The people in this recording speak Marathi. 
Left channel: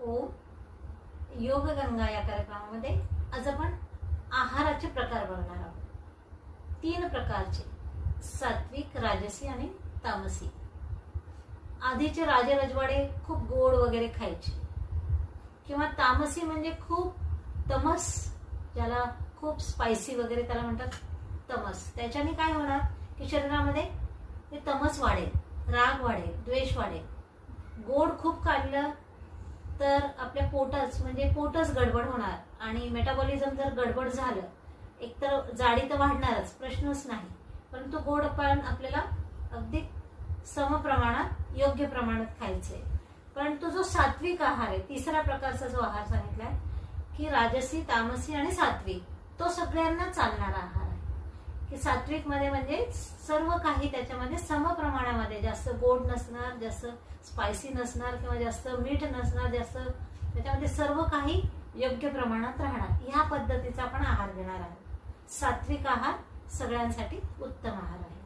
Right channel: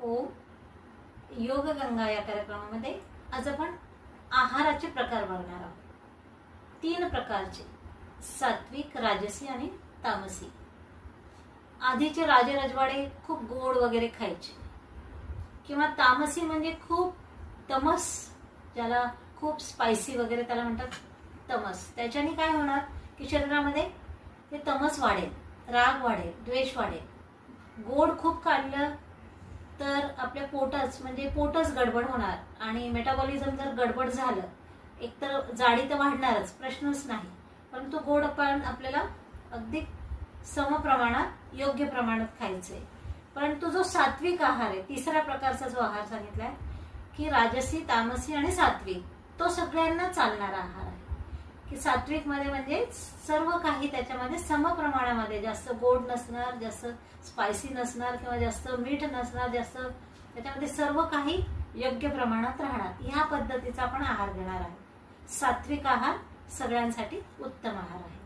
ओम योग गंगा या कार्यक्रमामध्ये आज आपण आहाराचे प्रकार बघणार आहोत। 3 प्रकारचे, सात्विक, राजसी आणि तामसी। आधीचे राजे रजवाडे खूप गोड वगैरे खायचे, किंवा तामसी म्हणजे खूप तमस, ज्याला खूप स्पायसी वगैरे त्याला म्हणतात तमस। त्याच्याने काय होणार की शरीरामध्ये ते तमस वाढेल, राग वाढेल, द्वेष वाढेल। गोड खूप खाल्लं तर आपल्या पोटच गडबड होणार, आणि मेटाबॉलिझम जर गडबड झालं, एकतर जाडी तर वाढणारच, प्रश्नच नाही, परंतु गोड पण आपल्याला अगदी समप्रमाणात योग्य प्रमाणात खायचंय। परंतु जो सात्विक आहार आहे, तिसऱ्या प्रकारचा जो आहार सांगितलाय की राजसी, तामसी आणि सात्विक, तो सगळ्यांना चालणारा आहार आहे। की सात्विक मध्ये म्हणजे सर्व काही त्याच्यामध्ये समप्रमाणामध्ये, जास्त गोड नसणार, जास्त स्पायसी नसणार, किंवा जास्त मीठ नसणार, जास्त त्याच्यामध्ये सर्व काही योग्य प्रमाणात राहणार, ह्या पद्धतीचा आपण आहार घेणार आहे। सात्विक आहार सगळ्यांसाठी उत्तम आहार आहे।